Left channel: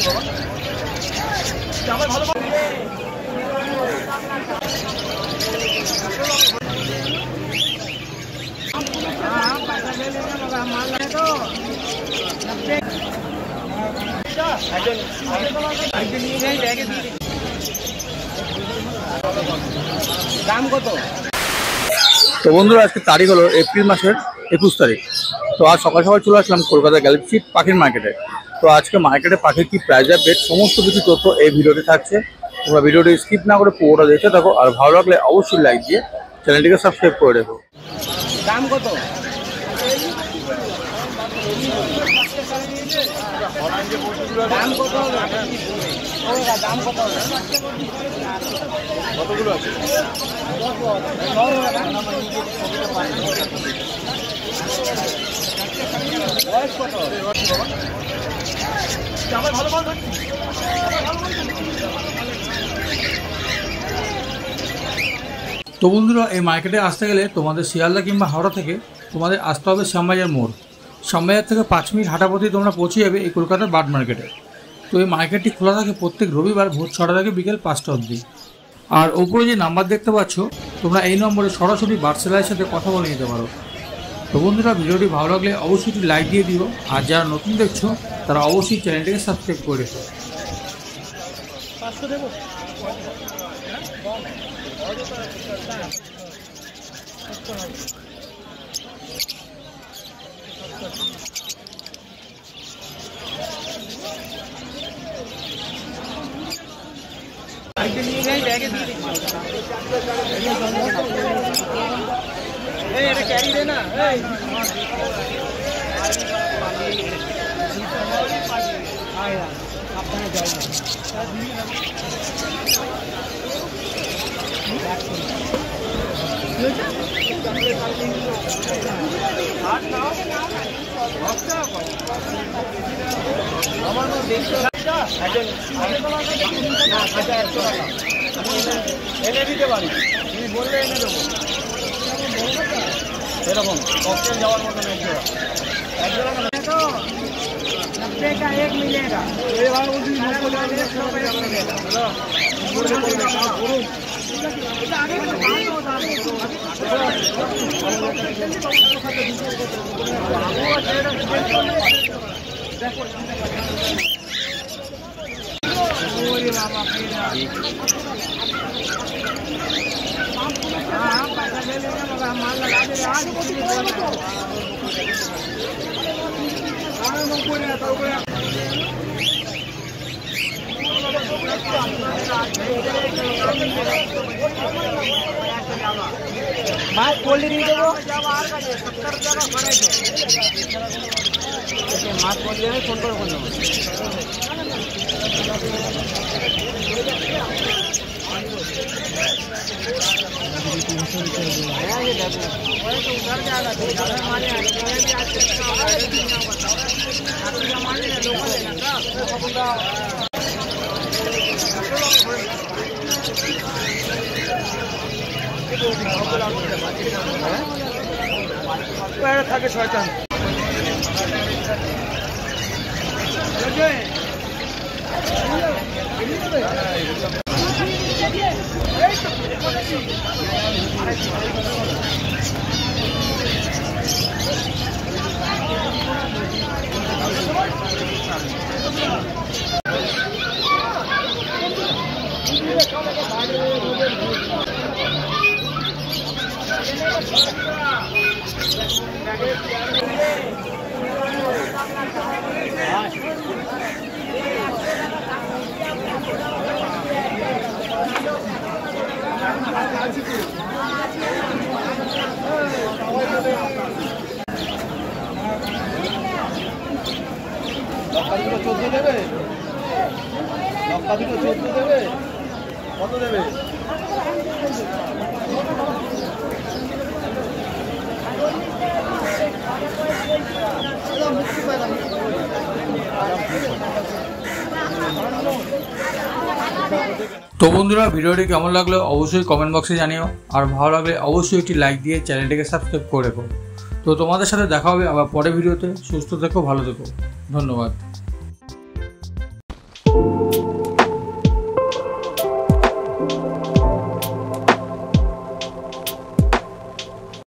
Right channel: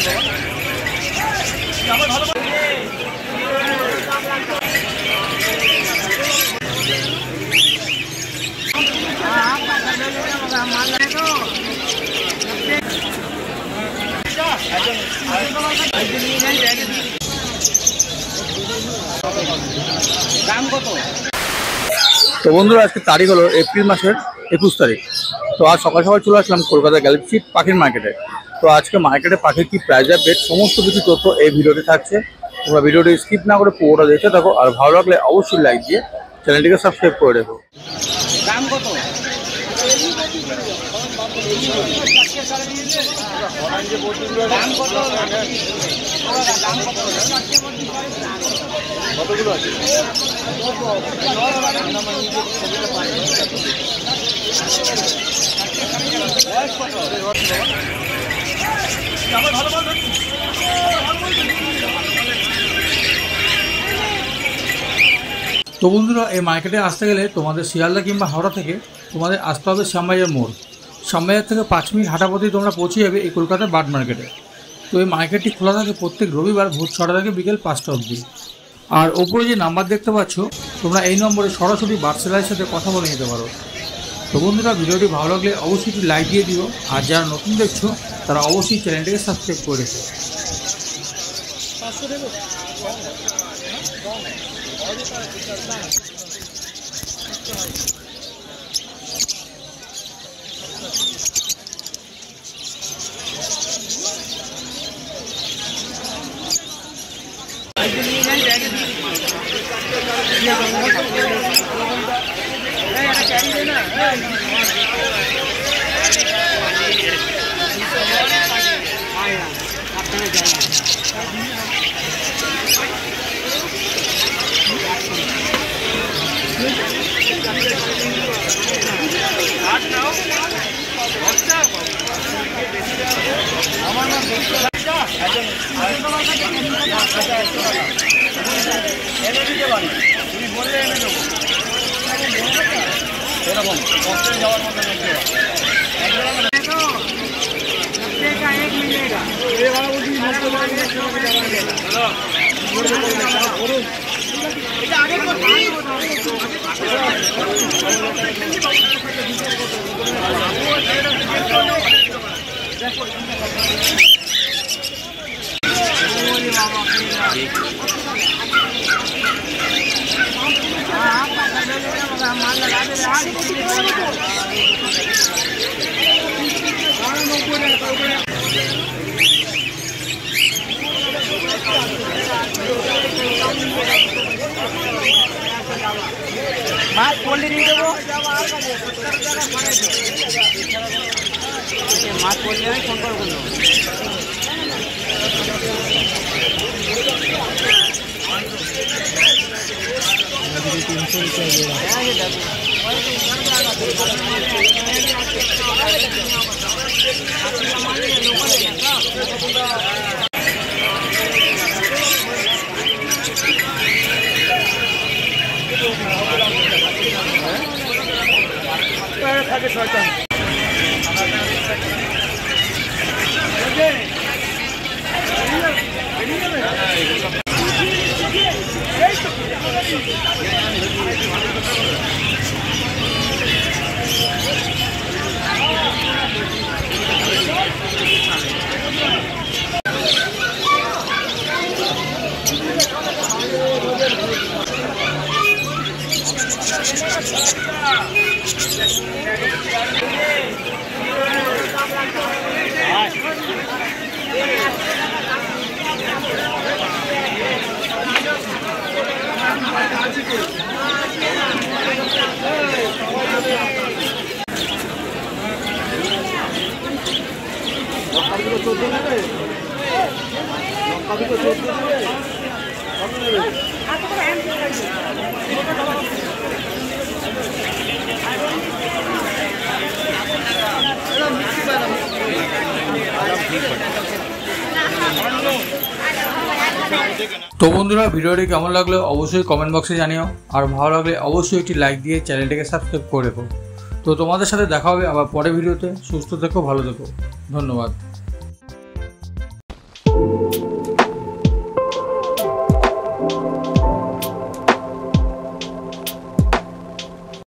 তো বন্ধুরা আজকে তারিখ হলো এপ্রিল মাসের 21 তারিখ। তো আজ সকাল সকাল চলে আসলাম কলকাতা গ্যালাক্সি পাখির মার্কেটে। তো আজকে মার্কেটে পাখির কি প্রাইস আপডেট সমস্ত কিছু তথ্য এই ভিডিওতে থাকছে। তোমরা ভিডিওটি স্কিপ না করে পুরোটা দেখতে থাকো, আর ভালো লাগলে অবশ্যই লাইক দিয়ে চ্যানেলটিকে সাবস্ক্রাইব করে রেখো। দাম কত? কতগুলো আছে? তো বন্ধুরা এই মার্কেটে আসতে গেলে তোমাদের শিয়ালদা কিংবা হাওড়া থেকে তোমাদের আসতে হবে শ্যামবাজার মোড়। শ্যামবাজার থেকে 5 মিনিট হাঁটা পথেই তোমরা পৌঁছে যাবে এই কলকাতার বার্ড মার্কেটে। তো এই মার্কেটটি খোলা থাকে প্রত্যেক রবিবার ভোর 6টা থেকে বিকেল 5টা অবধি। আর ওপরে যে নাম্বার দেখতে পাচ্ছ তোমরা এই নম্বরে সরাসরি বার্ড সেলারের সাথে কথা বলে নিতে পারো। তো বন্ধুরা ভিডিওটি ভালো লাগলে অবশ্যই একটি লাইক দিয়ে দিও, আর যারা নতুন দেখছো তারা অবশ্যই চ্যানেলটিকে সাবস্ক্রাইব করে রেখো। এনে দিতে পারি, তুমি বললে এনে দেবো। এরকম কষ্টের যাওয়ার মতো নেই। माल लगा दे रहा থাকে শয়তান। তো বন্ধুরা ভিডিওটি কেমন লাগলো অবশ্যই কমেন্ট বক্সে জানিও, আর ভালো লাগলে অবশ্যই একটি লাইক দিয়ে চ্যানেলটিকে সাবস্ক্রাইব করে রেখো। তো তোমাদের সাথে দেখা হবে আবার পরের ভিডিওতে। সুস্থ থেকো, ভালো থেকো, ধন্যবাদ।